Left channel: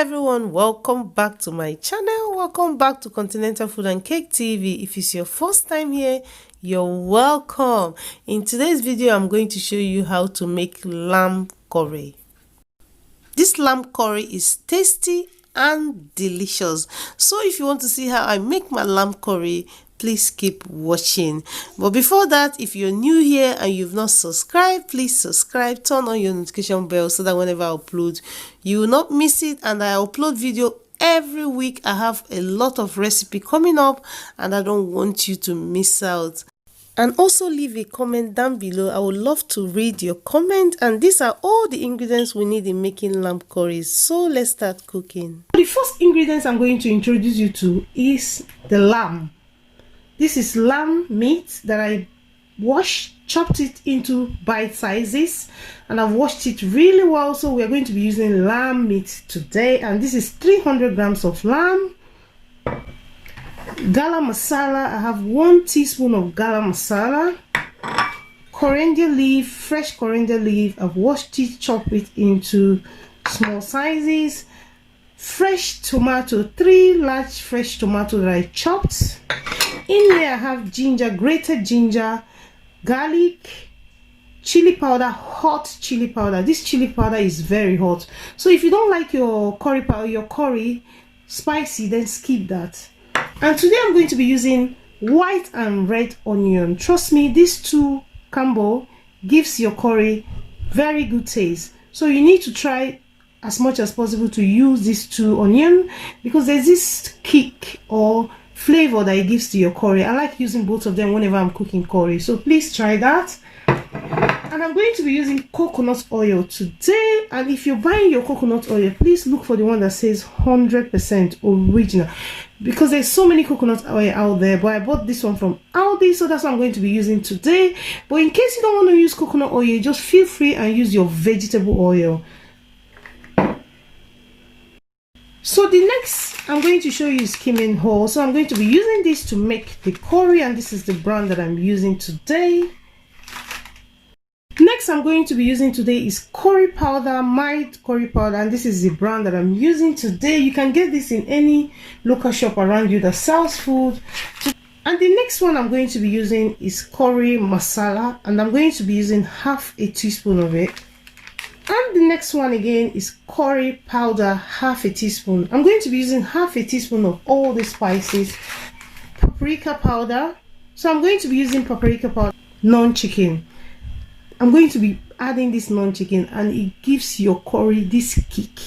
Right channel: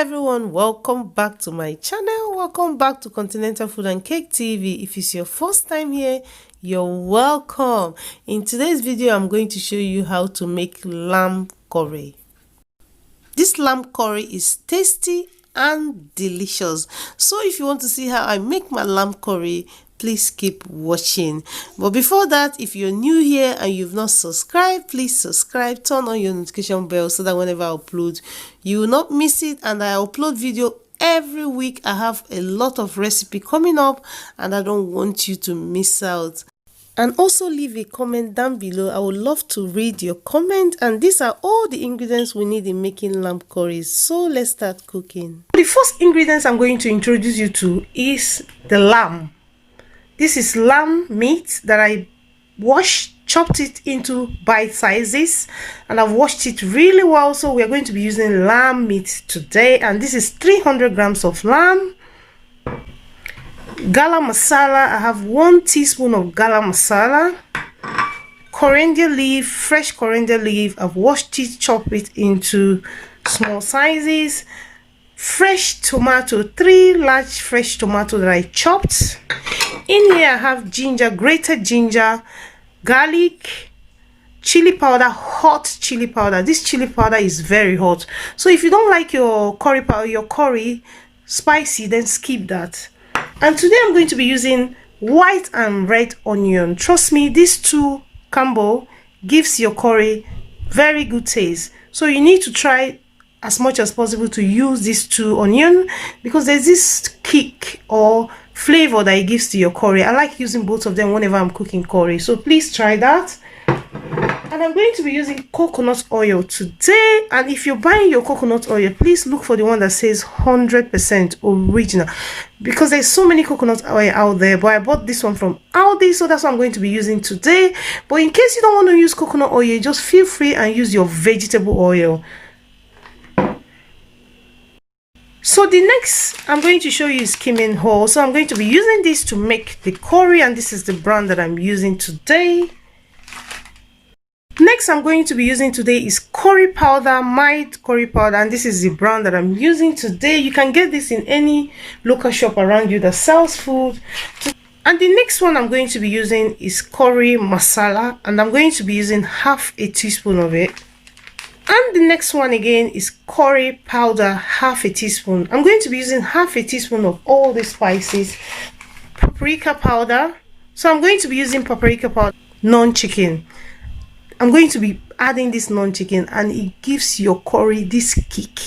Everyone, welcome back to my channel. Welcome back to Continental Food and Cake TV. If it's your first time here, you're welcome. In today's video, I'm going to show you how to make lamb curry. This lamb curry is tasty and delicious. So if you want to see how I make my lamb curry, please keep watching. But before that, if you're new here and you've not subscribed, please subscribe, turn on your notification bell so that whenever I upload, you will not miss it. And I upload video every week. I have a lot of recipe coming up and I don't want you to miss out. And also leave a comment down below. I would love to read your comment. And these are all the ingredients we need in making lamb curry. So let's start cooking. The first ingredients I'm going to introduce you to is the lamb. This is lamb meat that I washed, chopped it into bite sizes, and I've washed it really well. So we're going to be using lamb meat today, and this is 300 grams of lamb. Garam masala, I have 1 teaspoon of garam masala. Coriander leaf, fresh coriander leaf, I've washed it, chopped it into small sizes. Fresh tomato, 3 large fresh tomato that I chopped. In here I have ginger, grated ginger, garlic, chili powder, hot chili powder. This chili powder is very hot, so if you don't like your curry powder, your curry spicy, then skip that. And today I'm going to be using white and red onion. Trust me, these two combo gives your curry very good taste, so you need to try as much as possible to use these 2 onion, because there's this kick or flavor that it gives to your curry. I like using both of them whenever I'm cooking curry, so please try that. And I'm going to be using coconut oil today, and if you're buying your coconut oil, please look for the one that says 100% original, because there's so many coconut oil out there, but I bought this one from Aldi, so that's what I'm going to be using today. But in case you don't want to use coconut oil, just feel free and use your vegetable oil. So the next I'm going to show you is cumin hull. So I'm going to be using this to make the curry, and this is the brand that I'm using today. Next I'm going to be using today is curry powder, mild curry powder, and this is the brand that I'm using today. You can get this in any local shop around you that sells food. And the next one I'm going to be using is curry masala, and I'm going to be using half a teaspoon of it. And the next one again is curry powder, half a teaspoon. I'm going to be using half a teaspoon of all the spices. Paprika powder. So I'm going to be using paprika powder, non-chicken. I'm going to be adding this non-chicken, and it gives your curry this kick.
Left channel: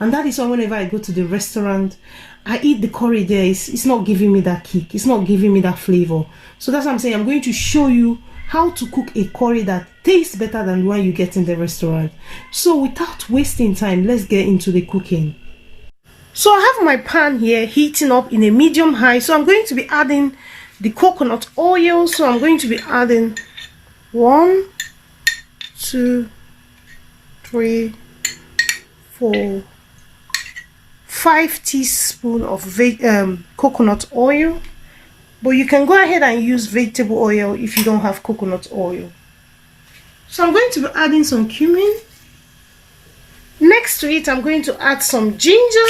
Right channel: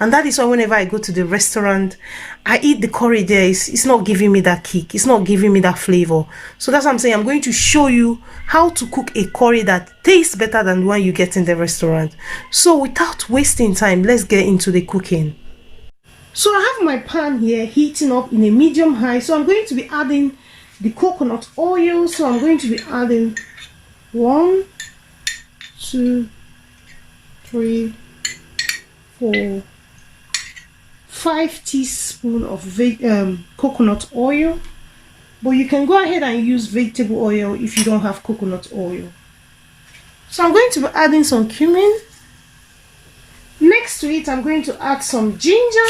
And that is why whenever I go to the restaurant, I eat the curry there. It's not giving me that kick. It's not giving me that flavor. So that's what I'm saying. I'm going to show you how to cook a curry that tastes better than the one you get in the restaurant. So without wasting time, let's get into the cooking. So I have my pan here heating up in a medium high. So I'm going to be adding the coconut oil. So I'm going to be adding 1, 2, 3, 4, 5 teaspoons of coconut oil. But you can go ahead and use vegetable oil if you don't have coconut oil. So I'm going to be adding some cumin. Next to it, I'm going to add some ginger.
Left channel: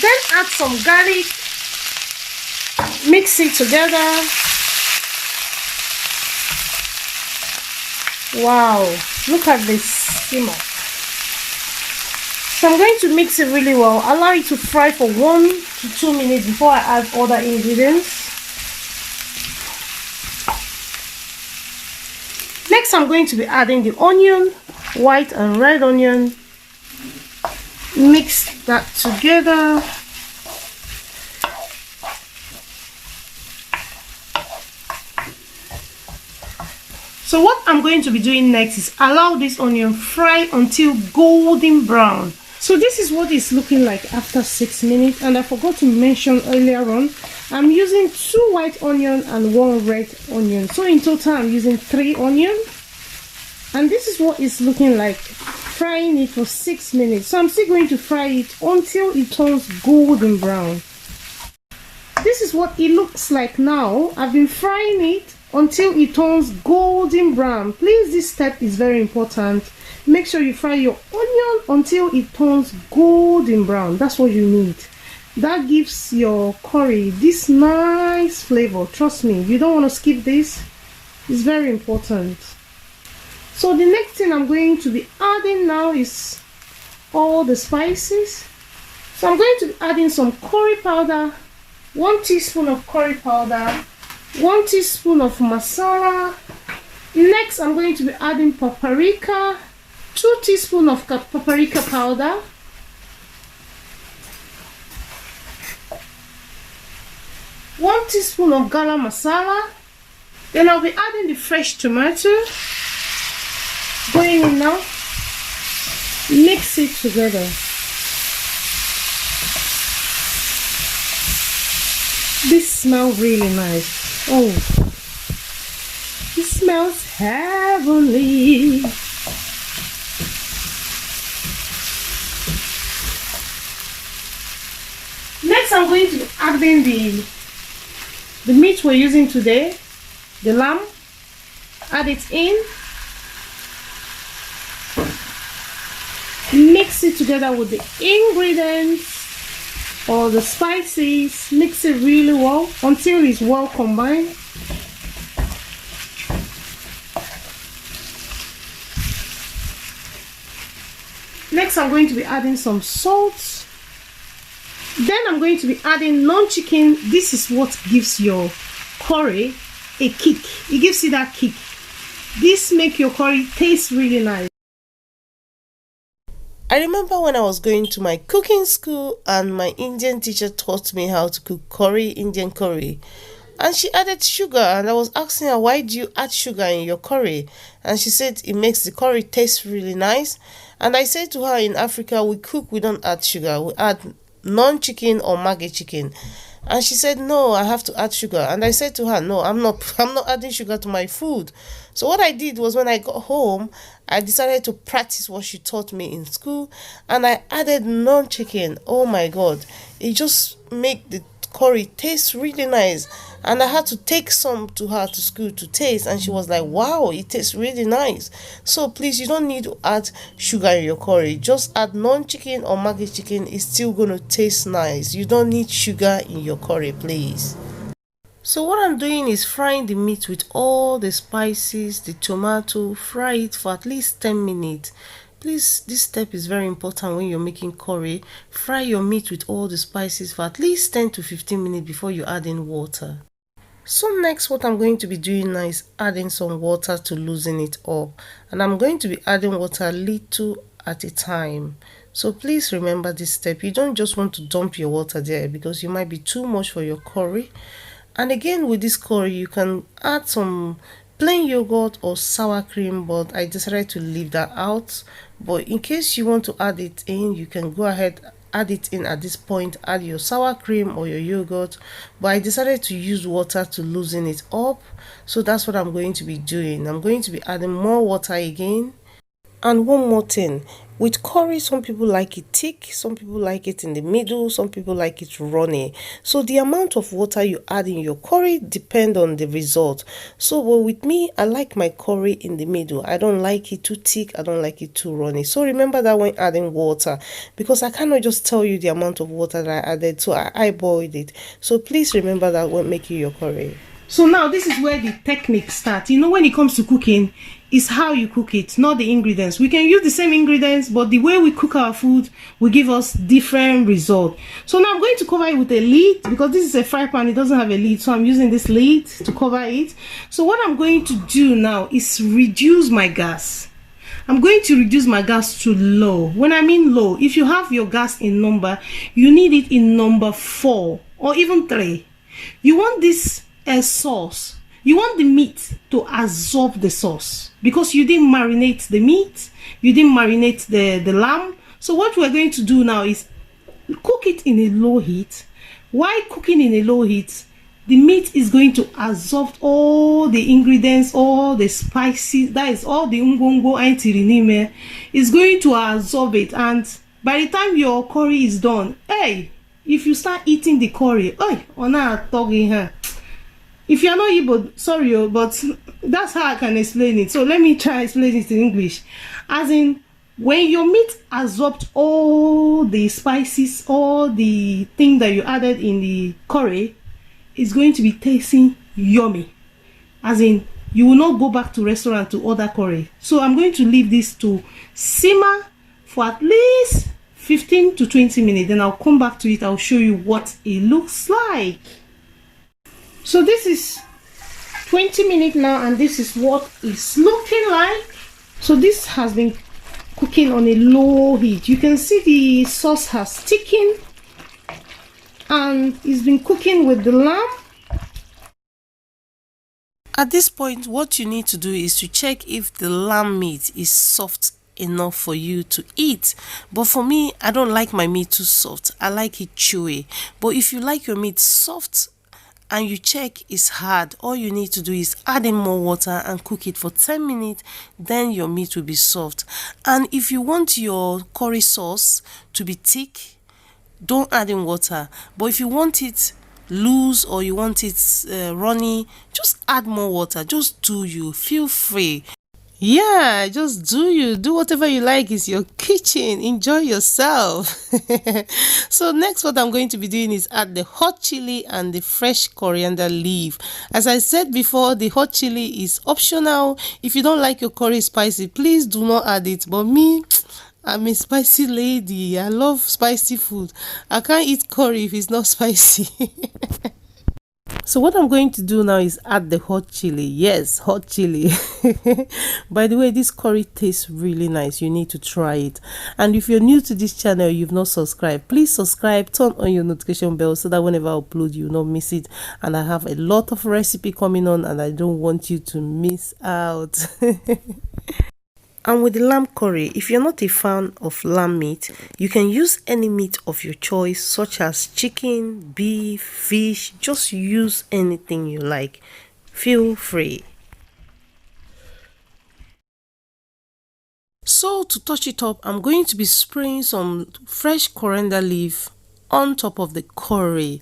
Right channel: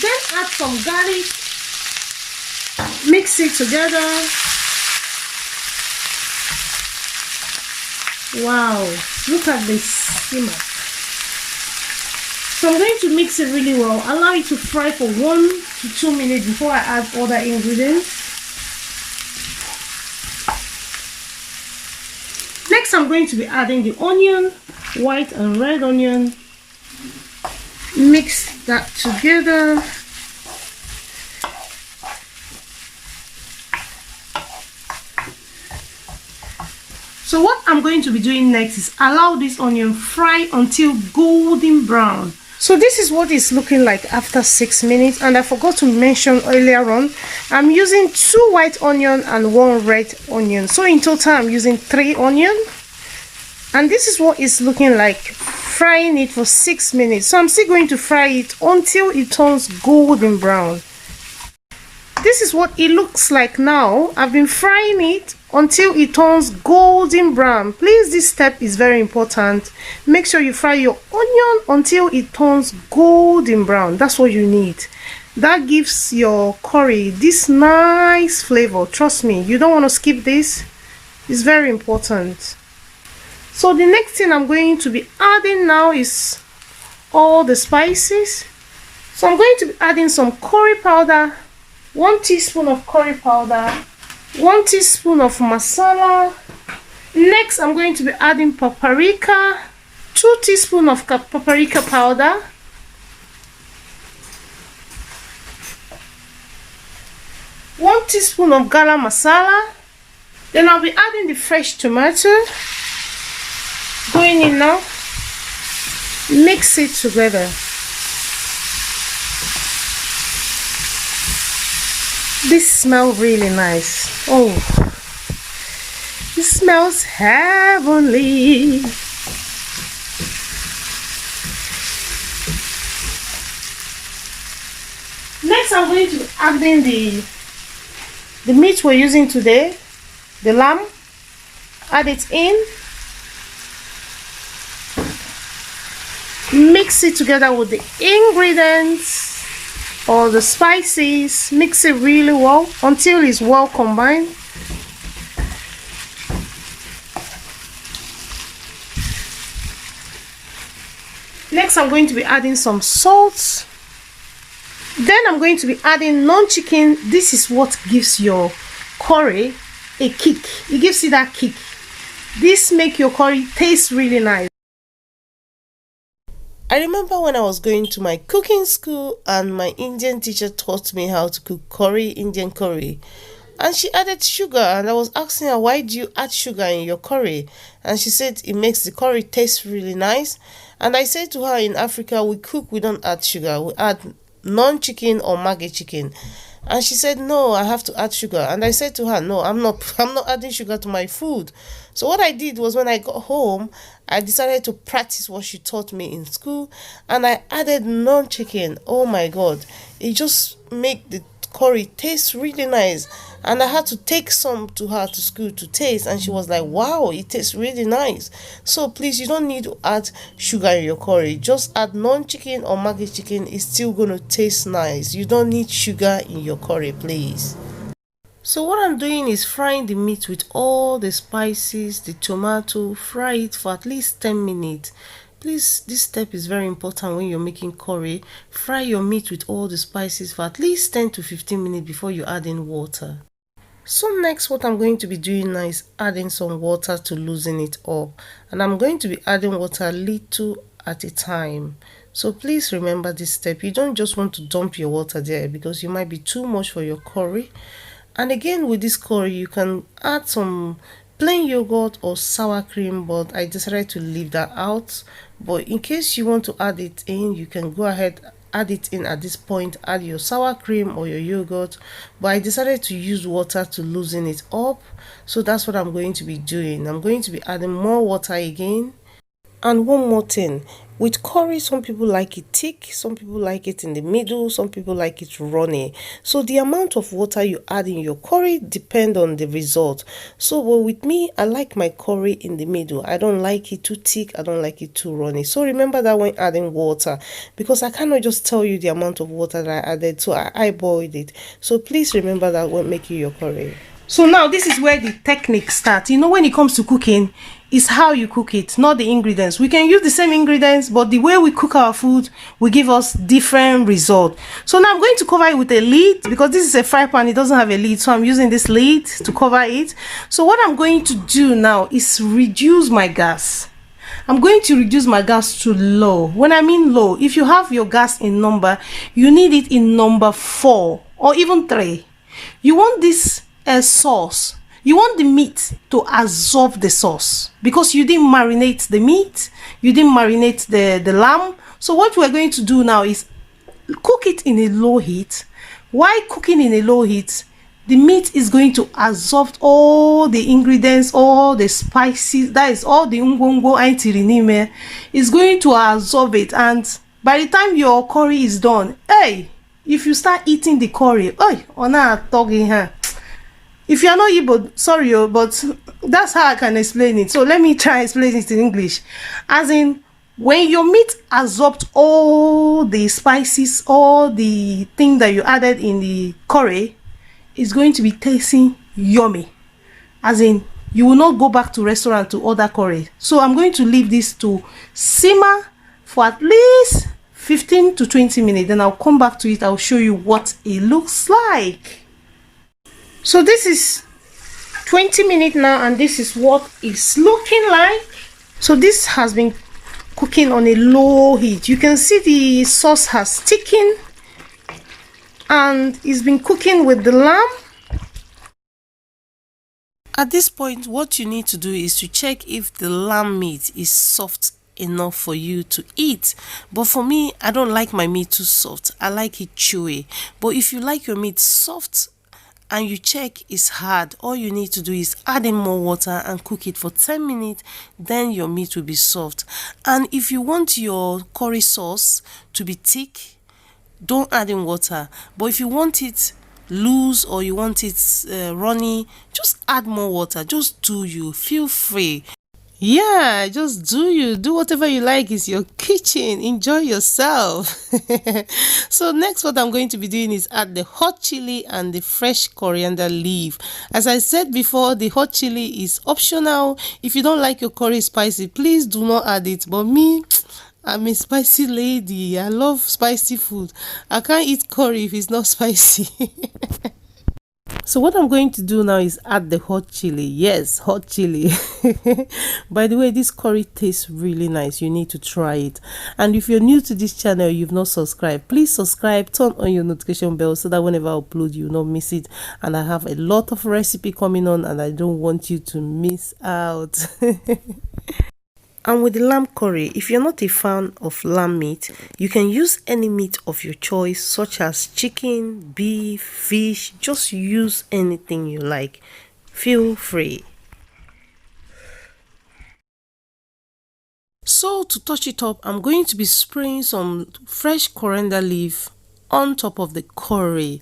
Then add some garlic. Mix it together. Wow, look at this simmer. So I'm going to mix it really well. Allow it to fry for 1 to 2 minutes before I add other ingredients. Next, I'm going to be adding the onion, white and red onion. Mix that together. So what I'm going to be doing next is allow this onion fry until golden brown. So this is what it's looking like after 6 minutes, and I forgot to mention earlier on, I'm using 2 white onion and 1 red onion. So in total I'm using 3 onion, and this is what it's looking like, frying it for 6 minutes. So I'm still going to fry it until it turns golden brown. This is what it looks like now. I've been frying it until it turns golden brown. Please, this step is very important. Make sure you fry your onion until it turns golden brown. That's what you need. That gives your curry this nice flavor. Trust me, you don't want to skip this. It's very important. So the next thing I'm going to be adding now is all the spices. So I'm going to be adding some curry powder, 1 teaspoon of curry powder, 1 teaspoon of masala. Next, I'm going to be adding paprika, 2 teaspoons of paprika powder, 1 teaspoon of garam masala. Then I'll be adding the fresh tomato. Going in now. Mix it together. This smells really nice. Oh, it smells heavenly. Next, I'm going to be adding the meat we're using today, the lamb. Add it in. Mix it together with the ingredients or the spices. Mix it really well until it's well combined. Next, I'm going to be adding some salt. Then I'm going to be adding non-chicken. This is what gives your curry a kick. It gives you that kick. This makes your curry taste really nice. I remember when I was going to my cooking school and my Indian teacher taught me how to cook curry, Indian curry. And she added sugar, and I was asking her, why do you add sugar in your curry? And she said it makes the curry taste really nice. And I said to her, in Africa, we cook, we don't add sugar. We add non-chicken or maggi chicken. And she said, no, I have to add sugar. And I said to her, no, I'm not adding sugar to my food. So what I did was, when I got home, I decided to practice what she taught me in school, and I added non-chicken. Oh my God, it just made the curry taste really nice. And I had to take some to her to school to taste, and she was like, wow, it tastes really nice. So please, you don't need to add sugar in your curry. Just add non-chicken or maggi chicken. It's still going to taste nice. You don't need sugar in your curry, please. So what I'm doing is frying the meat with all the spices, the tomato. Fry it for at least 10 minutes. Please, this step is very important when you're making curry. Fry your meat with all the spices for at least 10 to 15 minutes before you add in water. So next, what I'm going to be doing now is adding some water to loosen it up. And I'm going to be adding water little at a time. So please remember this step. You don't just want to dump your water there, because you might be too much for your curry. And again, with this curry, you can add some plain yogurt or sour cream, but I decided to leave that out. But in case you want to add it in, you can go ahead, add it in at this point. Add your sour cream or your yogurt, but I decided to use water to loosen it up. So that's what I'm going to be doing. I'm going to be adding more water again. And one more thing, with curry, some people like it thick, some people like it in the middle, some people like it runny. So the amount of water you add in your curry depends on the result. So well, with me, I like my curry in the middle. I don't like it too thick, I don't like it too runny. So remember that when adding water, because I cannot just tell you the amount of water that I added, so I boiled it. So please remember that when making your curry. So now this is where the technique starts. You know, when it comes to cooking, it's how you cook it, not the ingredients. We can use the same ingredients, but the way we cook our food will give us different results. So now I'm going to cover it with a lid, because this is a fry pan, it doesn't have a lid, so I'm using this lid to cover it. So what I'm going to do now is reduce my gas. I'm going to reduce my gas to low. When I mean low, if you have your gas in number, you need it in number 4 or even 3. You want this sauce, you want the meat to absorb the sauce, because you didn't marinate the meat, you didn't marinate the lamb. So what we're going to do now is cook it in a low heat. While cooking in a low heat, the meat is going to absorb all the ingredients, all the spices, that is all the ngwongwo aitirinime is going to absorb it. And by the time your curry is done, hey, if you start eating the curry, oh, ona talking her. If you're not Igbo, sorry, but that's how I can explain it. So let me try explain it in English. As in, when your meat absorbed all the spices, all the thing that you added in the curry, it's going to be tasting yummy. As in, you will not go back to restaurant to order curry. So I'm going to leave this to simmer for at least 15 to 20 minutes. Then I'll come back to it. I'll show you what it looks like. So this is 20 minutes now, and this is what it's looking like. So this has been cooking on a low heat. You can see the sauce has thickened, and it's been cooking with the lamb. At this point, what you need to do is to check if the lamb meat is soft enough for you to eat. But for me, I don't like my meat too soft. I like it chewy. But if you like your meat soft and you check it's hard, all you need to do is add in more water and cook it for 10 minutes. Then your meat will be soft. And if you want your curry sauce to be thick, don't add in water. But if you want it loose or you want it runny, just add more water. Just do you. Feel free. Yeah, just do you. Do whatever you like. It's your kitchen. Enjoy yourself. So next, what I'm going to be doing is add the hot chili and the fresh coriander leaf. As I said before, the hot chili is optional. If you don't like your curry spicy, please do not add it. But me, I'm a spicy lady. I love spicy food. I can't eat curry if it's not spicy. So what I'm going to do now is add the hot chili. Yes, hot chili. By the way, this curry tastes really nice. You need to try it. And if you're new to this channel, you've not subscribed, please subscribe, turn on your notification bell so that whenever I upload, you'll not miss it. And I have a lot of recipe coming on, and I don't want you to miss out. And with the lamb curry, if you're not a fan of lamb meat, you can use any meat of your choice, such as chicken, beef, fish. Just use anything you like. Feel free. So to touch it up, I'm going to be spraying some fresh coriander leaf on top of the curry.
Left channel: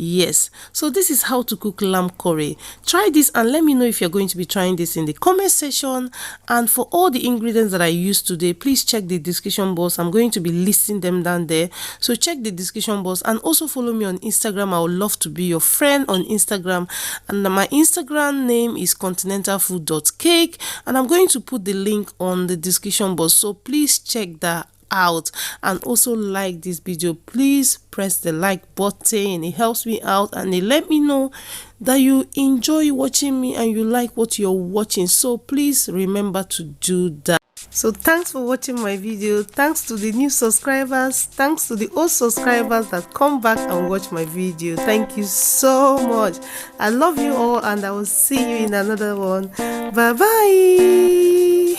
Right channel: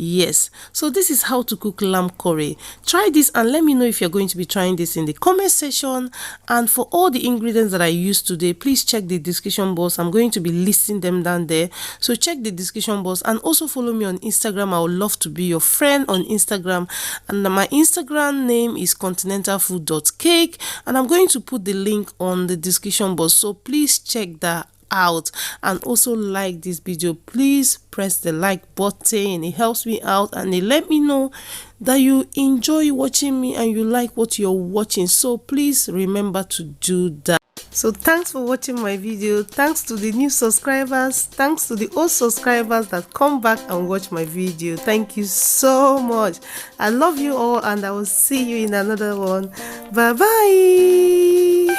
Yes, so this is how to cook lamb curry. Try this and let me know if you're going to be trying this in the comment section. And for all the ingredients that I used today, please check the description box. I'm going to be listing them down there. So check the description box and also follow me on Instagram. I would love to be your friend on Instagram. And my Instagram name is continentalfood.cake. And I'm going to put the link on the description box. So please check that out, and also like this video. Please press the like button. It helps me out and it let me know that you enjoy watching me and you like what you're watching. So please remember to do that. So thanks for watching my video. Thanks to the new subscribers. Thanks to the old subscribers that come back and watch my video. Thank you so much. I love you all, and I will see you in another one. Bye bye.